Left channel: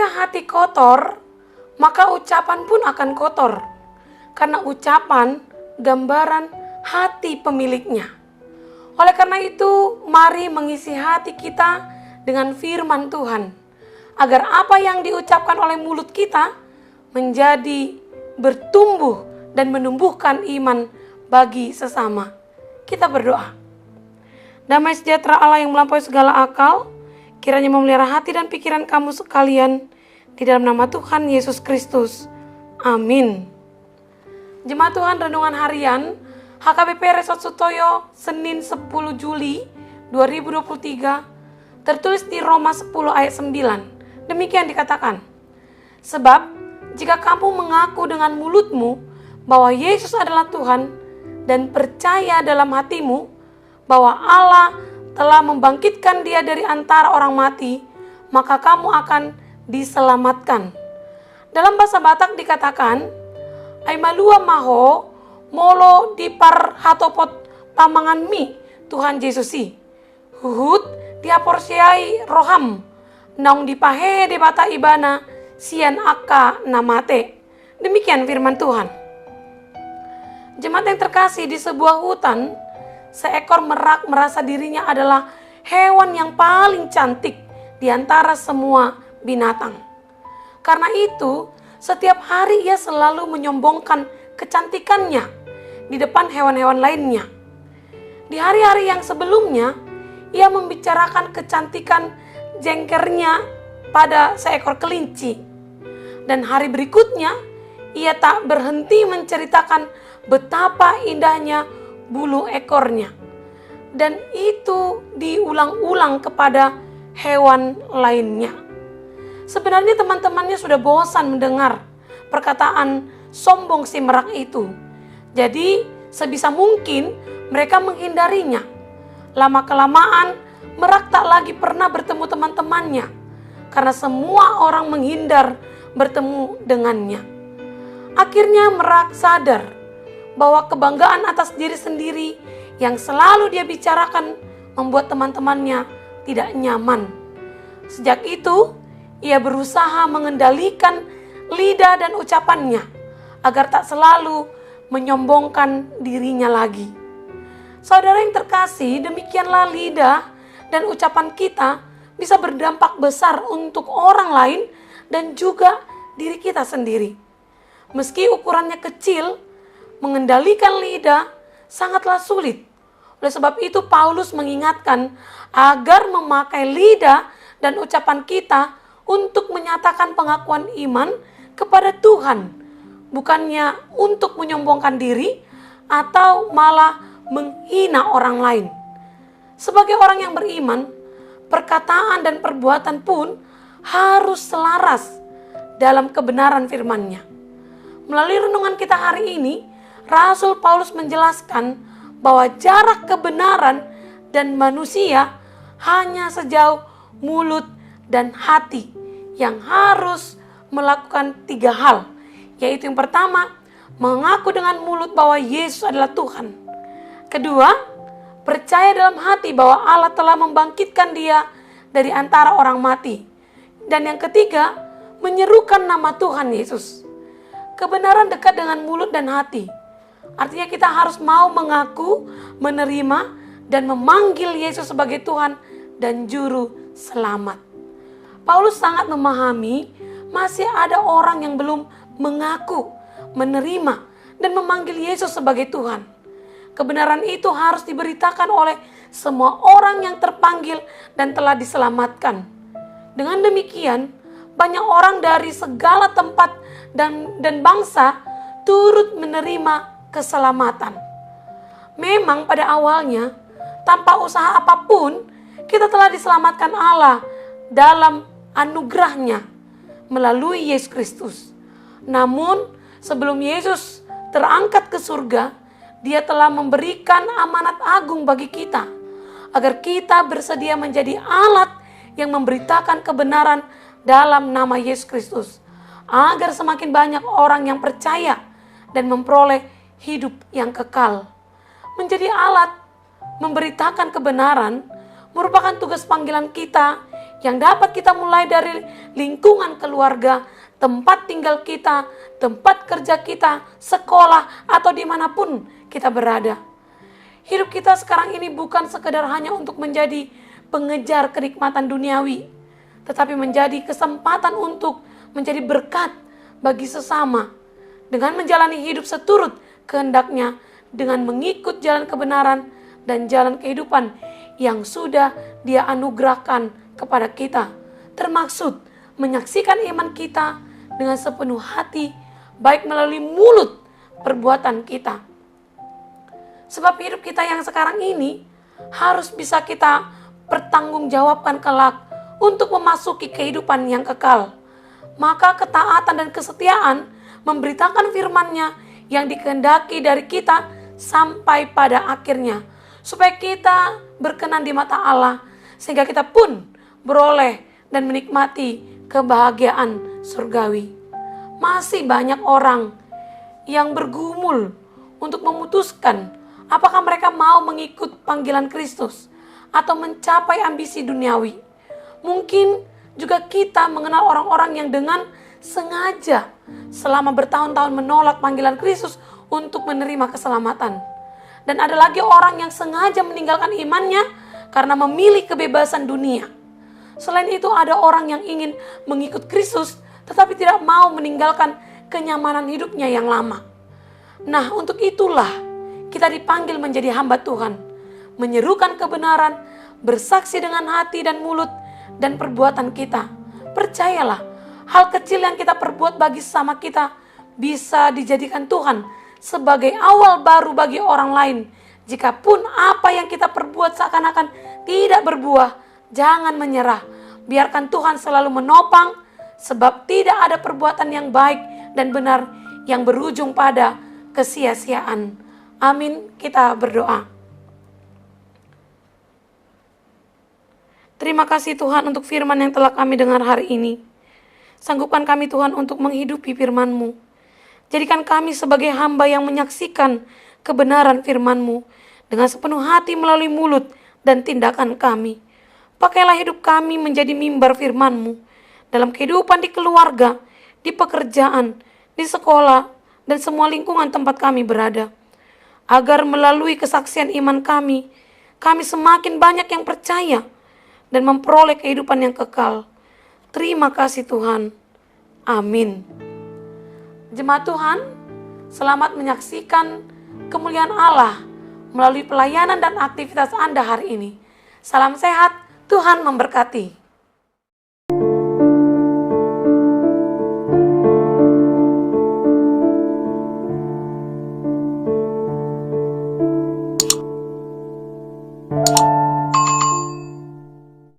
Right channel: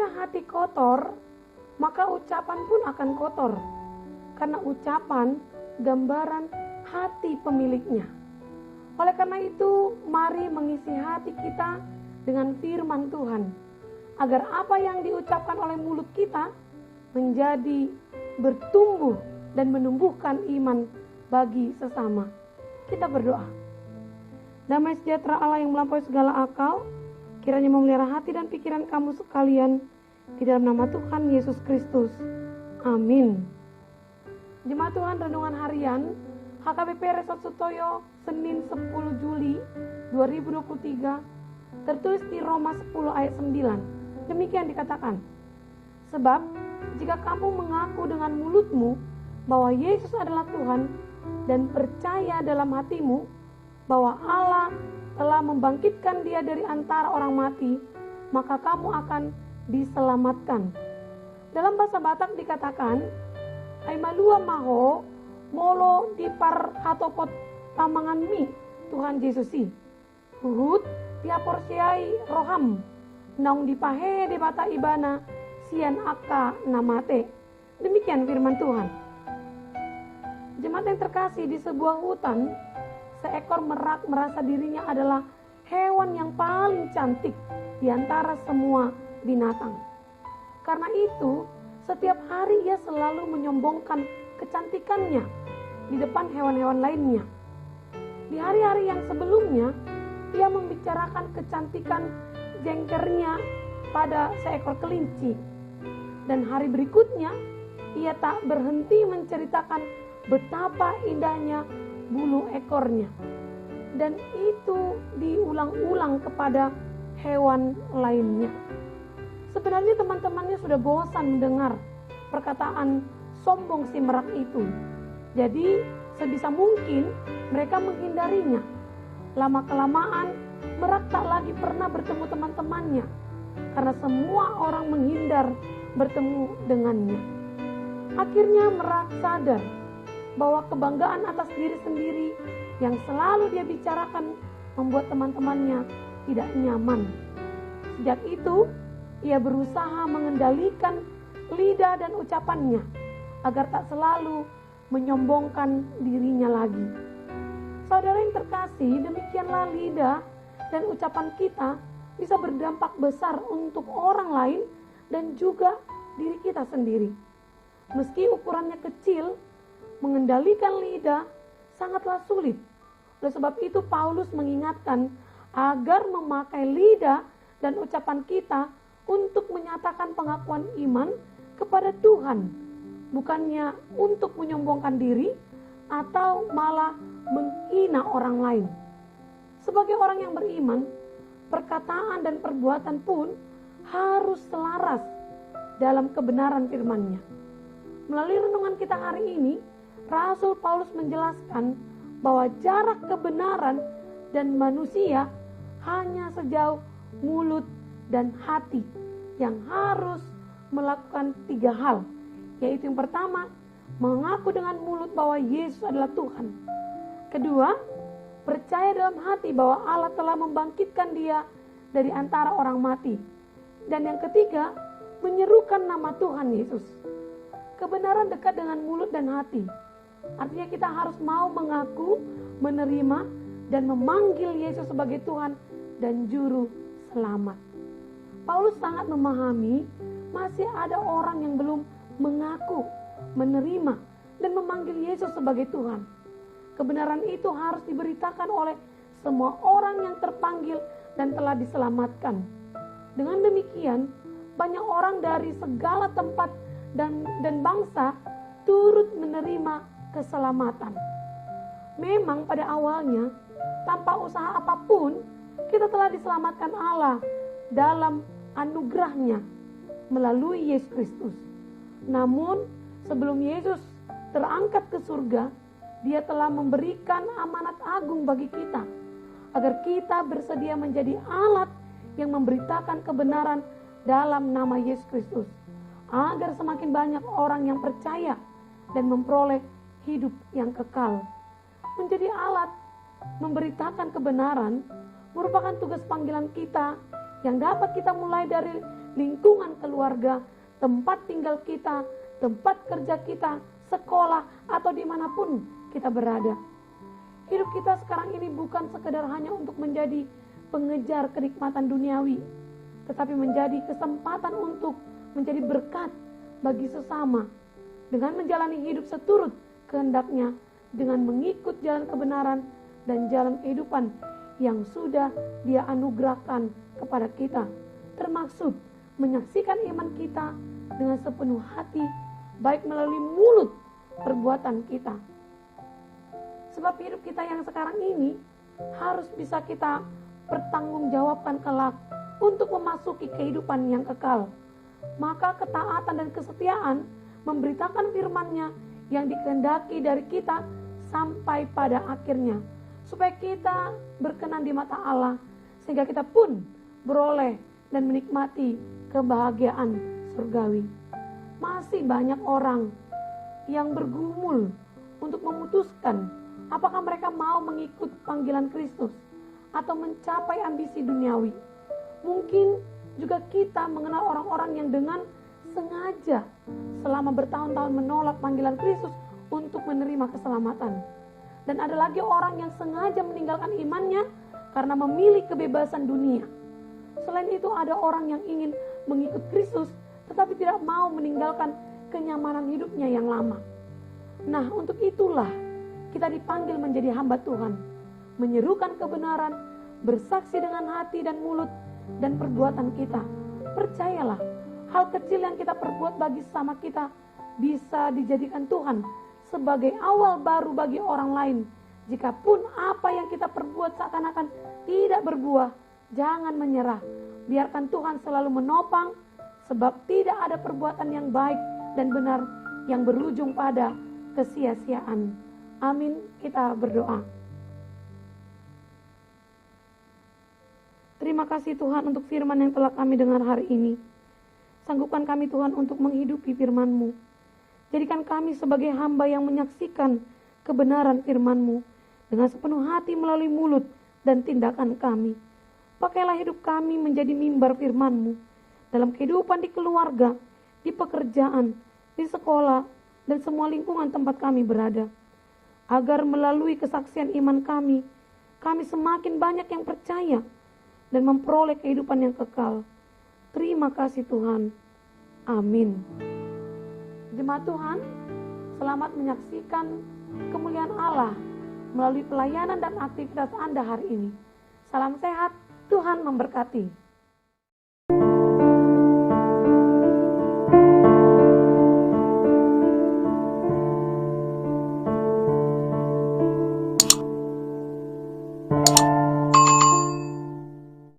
Jika hati kotor, maka ucapan pun akan kotor. Karena ucapan gambaran hati pemiliknya. Oleh karena itu, mari mengisi hati kita dengan firman Tuhan. Agar apa yang diucapkan oleh mulut kita menjadi bertumbuh dan menumbuhkan iman bagi sesama. Kita berdoa. Damai sejahtera Allah yang melampaui segala akal, kiranya memelihara hati dan pikiran kamu sekalian di dalam nama Tuhan Yesus Kristus. Amin. Jemaat Tuhan, renungan harian HKBP Resort Sutoyo, Senin 10 Juli 2023, tertulis di Roma 10 ayat 9. Demikian dikatakan, sebab jika kamu mengaku dengan mulutmu bahwa Yesus adalah Tuhan dan percaya dalam hatimu bahwa Allah telah membangkitkan dia dari antara orang mati, maka kamu akan diselamatkan. Dalam bahasa Batak dikatakan, ai malua maho molo di par hatopot pamangan mi Tuhan Yesusi. Huhut diaporsiai roham naung dipahe de bata ibana sian akka namate. Demikian firman Tuhan. Jemaat yang terkasih, di sebuah hutan, seekor merak merasa dirinya adalah hewan yang paling cantik di antara semua binatang. Karena itu, setiap hari ia selalu menyombongkan kecantikannya di depan hewan-hewan lainnya. Di hari-hari yang sebelumnya, ia membicarakan kecantikan jengkernya pada seekor kelinci. Dan hari berikutnya, ia tak berhenti menceritakan betapa indahnya bulu ekornya. Dan itu diulang-ulang kepada hewan lainnya. Sebenarnya teman-temannya sudah bosan mendengar perkataan sombong si merak itu. Jadi sebisa mungkin mereka menghindarinya. Lama-kelamaan merak tak lagi pernah bertemu teman-temannya. Karena semua orang menghindar bertemu dengannya. Akhirnya merak sadar bahwa kebanggaan atas diri sendiri yang selalu dia bicarakan membuat teman-temannya tidak nyaman. Sejak itu, ia berusaha mengendalikan lidah dan ucapannya agar tak selalu menyombongkan dirinya lagi. Saudara yang terkasih, demikianlah lidah dan ucapan kita bisa berdampak besar untuk orang lain dan juga diri kita sendiri. Meski ukurannya kecil, mengendalikan lidah sangatlah sulit. Oleh sebab itu Paulus mengingatkan agar memakai lidah dan ucapan kita untuk menyatakan pengakuan iman kepada Tuhan, bukannya untuk menyombongkan diri atau malah menghina orang lain. Sebagai orang yang beriman, perkataan dan perbuatan pun harus selaras dalam kebenaran firman-Nya. Melalui renungan kita hari ini, Rasul Paulus menjelaskan bahwa jarak kebenaran dan manusia hanya sejauh mulut dan hati yang harus melakukan 3 hal, yaitu yang pertama, mengaku dengan mulut bahwa Yesus adalah Tuhan. Kedua, percaya dalam hati bahwa Allah telah membangkitkan dia dari antara orang mati. Dan yang ketiga, menyerukan nama Tuhan Yesus. Kebenaran dekat dengan mulut dan hati. Artinya kita harus mau mengaku, menerima, dan memanggil Yesus sebagai Tuhan dan Juru Selamat. Paulus sangat memahami masih ada orang yang belum mengaku, menerima, dan memanggil Yesus sebagai Tuhan. Kebenaran itu harus diberitakan oleh semua orang yang terpanggil dan telah diselamatkan. Dengan demikian, banyak orang dari segala tempat dan bangsa turut menerima keselamatan. Memang pada awalnya, tanpa usaha apapun, kita telah diselamatkan Allah dalam anugerah-Nya melalui Yesus Kristus. Namun, sebelum Yesus terangkat ke surga, Dia telah memberikan amanat agung bagi kita, agar kita bersedia menjadi alat yang memberitakan kebenaran dalam nama Yesus Kristus, agar semakin banyak orang yang percaya dan memperoleh hidup yang kekal. Menjadi alat memberitakan kebenaran merupakan tugas panggilan kita yang dapat kita mulai dari lingkungan keluarga, tempat tinggal kita, tempat kerja kita, sekolah, atau dimanapun kita berada. Hidup kita sekarang ini bukan sekedar hanya untuk menjadi pengejar kenikmatan duniawi, tetapi menjadi kesempatan untuk menjadi berkat bagi sesama, dengan menjalani hidup seturut kehendaknya, dengan mengikut jalan kebenaran dan jalan kehidupan yang sudah Dia anugerahkan kepada kita, termaksud menyaksikan iman kita dengan sepenuh hati, baik melalui mulut perbuatan kita. Sebab hidup kita yang sekarang ini harus bisa kita pertanggungjawabkan kelak untuk memasuki kehidupan yang kekal. Maka ketaatan dan kesetiaan memberitakan firman-Nya yang dikehendaki dari kita sampai pada akhirnya, supaya kita berkenan di mata Allah, sehingga kita pun beroleh dan menikmati kebahagiaan surgawi. Masih banyak orang yang bergumul untuk memutuskan apakah mereka mau mengikut panggilan Kristus atau mencapai ambisi duniawi. Mungkin juga kita mengenal orang-orang yang dengan sengaja selama bertahun-tahun menolak panggilan Kristus untuk menerima keselamatan. Dan ada lagi orang yang sengaja meninggalkan imannya karena memilih kebebasan dunia. Selain itu ada orang yang ingin mengikut Kristus tetapi tidak mau meninggalkan kenyamanan hidupnya yang lama. Nah, untuk itulah kita dipanggil menjadi hamba Tuhan, menyerukan kebenaran, bersaksi dengan hati dan mulut dan perbuatan kita. Percayalah, hal kecil yang kita perbuat bagi sesama kita bisa dijadikan Tuhan sebagai awal baru bagi orang lain. Jikapun apa yang kita perbuat seakan-akan tidak berbuah, jangan menyerah. Biarkan Tuhan selalu menopang, sebab tidak ada perbuatan yang baik dan benar yang berujung pada kesia-siaan. Amin. Kita berdoa. Terima kasih Tuhan untuk firman yang telah kami dengar hari ini. Sanggupkan kami Tuhan untuk menghidupi firman-Mu. Jadikan kami sebagai hamba yang menyaksikan kebenaran firman-Mu dengan sepenuh hati melalui mulut dan tindakan kami. Pakailah hidup kami menjadi mimbar firman-Mu dalam kehidupan di keluarga, di pekerjaan, di sekolah, dan semua lingkungan tempat kami berada. Agar melalui kesaksian iman kami semakin banyak yang percaya dan memperoleh kehidupan yang kekal. Terima kasih Tuhan. Amin. Jemaat Tuhan, selamat menyaksikan kemuliaan Allah melalui pelayanan dan aktivitas Anda hari ini. Salam sehat, Tuhan memberkati.